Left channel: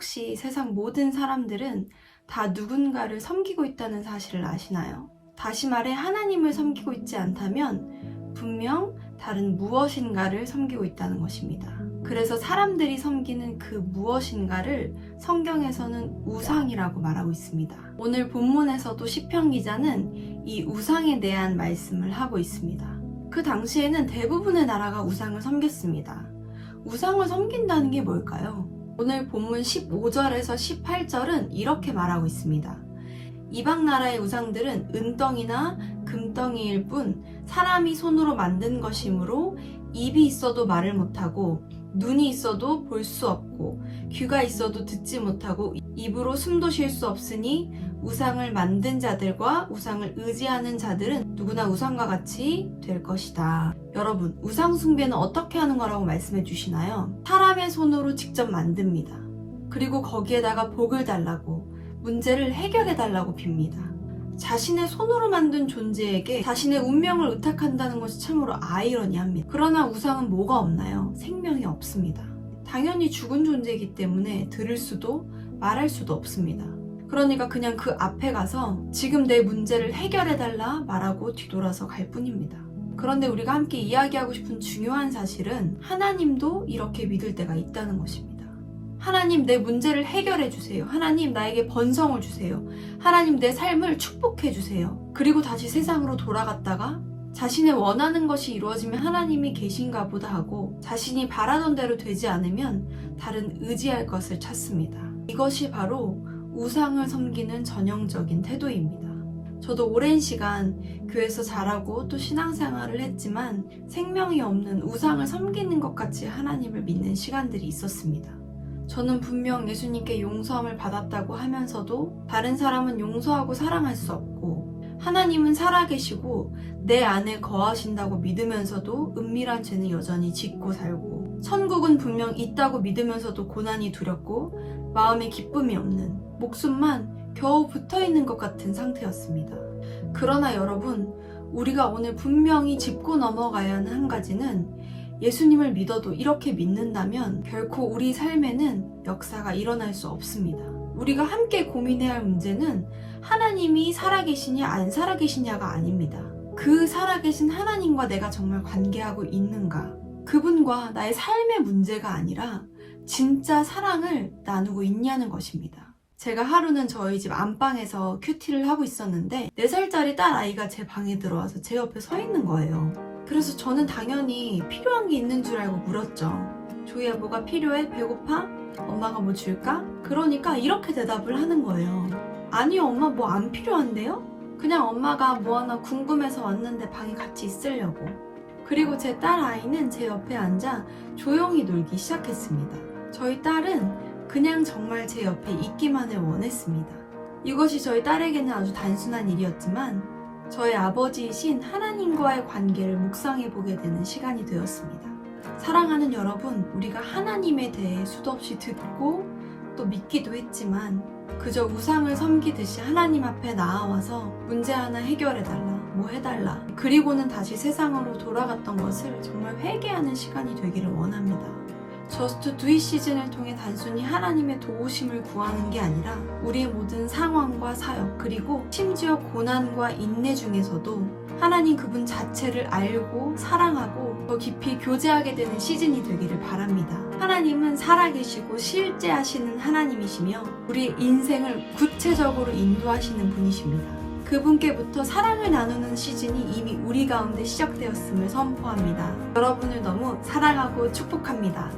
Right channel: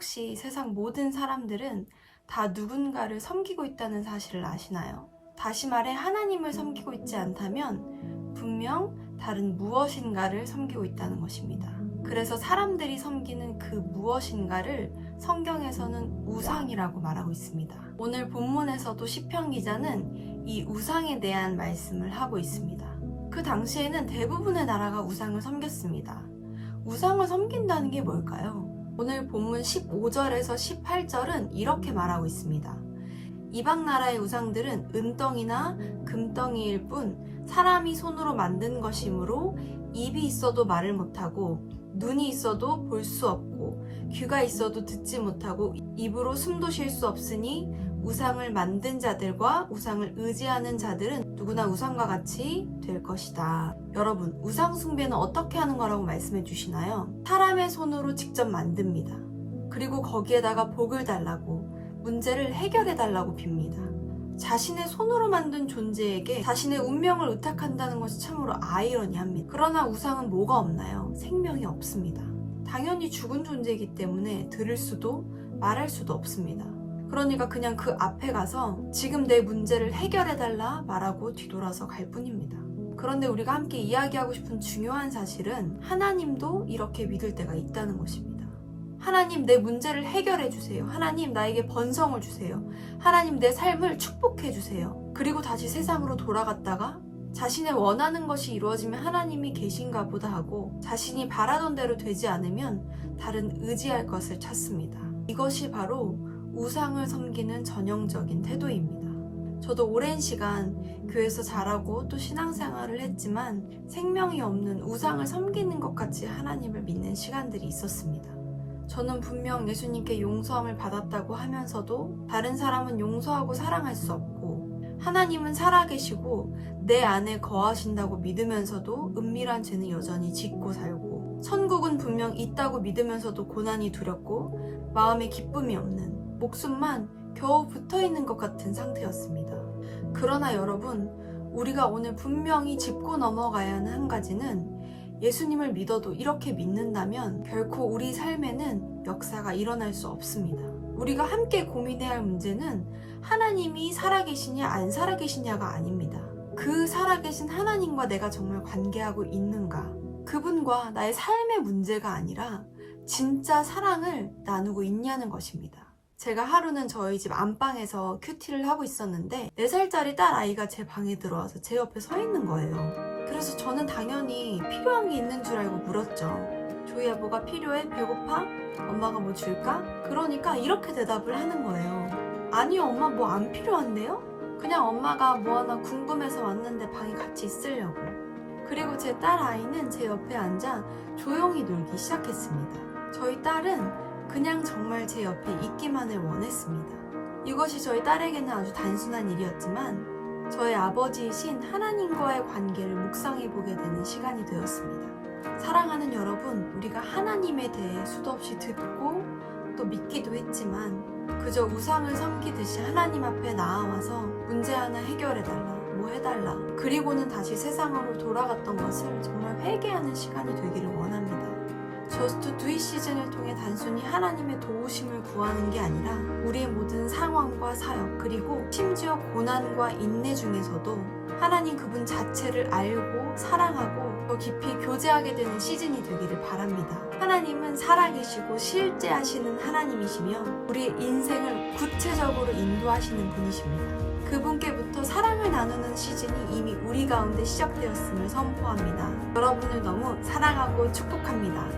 혹시 세상 모든 사람들은 다 누군가를 섬기고 있다는 사실을 아시나요? 다시 말해 하나님을 섬기고 있지 않다면 분명 다른 무엇인가를 섬기고 있다는 것입니다. 그래서 사람들이 섬기는 그 무엇인가를 성경에서는 우상이라고 말하고 있습니다. 오늘 본문에서도 시편 기자는 이 우상에 대한 말씀을 하고 있습니다. 그 당시에는 대부분의 나라가 우상을 섬겼습니다. 우상을 섬긴다는 게 뭘까요? 오늘 본문 15절에서 18절은 이렇게 말하고 있습니다. 이방 나라의 우상들은 은덩이나 금덩이일 뿐 사람이 손으로 만든 것이므로 입이 있어도 말을 못하고 눈이 있어도 볼 수 없고 귀가 있어도 듣지 못하고 입으로 숨도 쉴 수 없으니 우상을 만든 자들과 우상을 의지하는 자들은 누구나 우상과 같이 될 것이다. 여러분, 우상 숭배는 어떻게 하는 거라고 말씀해 주시나요? 사람의 손으로 직접 만듭니다. 그리고 거기에다가 복을 달라고, 문제를 해결해 달라고 빕니다. 자신의 손으로 만든 존재에게 자신의 운명을 의탁한다는 것이 참으로 아이러니합니다. 그러나 우상은 뭐가 없나요? 생명이 없습니다. 당연히 죽은 존재이기 때문에 들을 수도 말할 수도 없습니다. 그러니까 그냥 그 앞에 가서 지금 내 문제를 해결해달라 말하고 뒤돌아서 갈 뿐입니다. 그런데 우리가 함께 이야기하고 싶은 중요한 사실은 하나님도 이렇게 믿을 때가 있다는 것입니다. 하나님, 내 문제를 해결해 주세요. 하나님, 나에게 번성을 주세요. 하나님, 내 삶을 축복해 주세요. 그리고 다시 세상으로 돌아갔다가 자신의 원하는 것이 이루어지면 하나님이 계신가 보다 하고 자신이 바라던 대로 되지 않으면 다른 의지할 것을 찾습니다. 이것이 바로 우상을 섬기는 전형적인 태도입니다. 저도 오랜 시간 교회에서 자라고 또 신앙생활을 했지만 생명이 없는 우상을 섬기는 것 같이 하나님을 믿는 시간들이 있었습니다. 저는 분명 예수님께 용서함을 받았다고 하면서도 다른 사람은 용서하고 사랑할 수 없고 하나님은 살아계시고 내 안에 거하신다고 믿으면서도 은밀한 죄는 여전히 짓고 살고 천국은 분명 있다고 믿으면서도 고난이 두렵고 마음에 기쁨이 없는 목숨만 겨우 붙어있는 것 같은 상태였습니다. 그러나 여러분, 우리가 오늘 분명히 짚고 넘어가야 하는 한 가지는 예수님을 믿어도 이렇게 믿는다면 결코 우리 삶에는 역사가 일어날 수 없습니다. 우리가 함께 고민해야 할 문제는 하나님이 살아계시냐 안 살아계시냐가 아닙니다. 그 살아계신 하나님과 내가 정말 관계하고 있는가, 그분과 나의 삶의 문제가 아니라 진짜 사랑을 나누고 있냐는 것입니다. 제가 하루는 저희 집 안방에서 큐티를 하고 있었는데 4살짜리 딸 아이가 제 방에 들어와서 제 옆에 서 있는 거예요. 그래서 저는 당연히 필요한 게 있는 줄 알고 물었죠. 조이야, 뭐가 필요해? 배고파? 엄마가 뭐 줄까? 그러니까 이렇게 대답을 하는 거예요. 아니요, 엄마 뭐 안 필요한데요? 그냥 엄마가 뭐 하나 궁금해서 왔는데 방에 같이 있으려고. 그리고 제 딸 아이는 제 옆에 앉아 조용히 놀기 시작했습니다. 저희 딸은 그냥 정말 제 옆에 있기만을 원했습니다. 이것이 저희 딸에게는 아주 단순한 일이었지만 저의 아버지이신 하나님과의 관계를 묵상해보게 되는 시간이 되었습니다. 사랑하는 여러분, 우리가 하나님에 대해 수도 없이 듣고 또 믿기도 했지만 그저 우상을 섬기듯이 하나님 앞에 나아와서 문제 하나 해결해달라, 뭐 해달라, 그리고는 다시 세상으로 돌아갔던 것을 정말 회개하는 시간이 되기를 원합니다. 저스트 두 잇 시즌을 통해 단순히 하나님의 도우심을 구하는 게 아니라 우리의 모든 상황과 사역, 그리고 심지어 고난과 인내 중에서도 하나님 그분 자체를 알고 사랑하고 더 깊이 교제하게 되는 시즌이 되기를 바랍니다. 하나님은 살아계시고 실제하시는 하나님이시며 우리의 인생을 구체적으로 인도하시는 분이십니다. 그분께부터 사랑을 나누는 시즌이 이미 우리 가운데 시작되었음을 선포합니다. 여러분을 너무 사랑하고 축복합니다.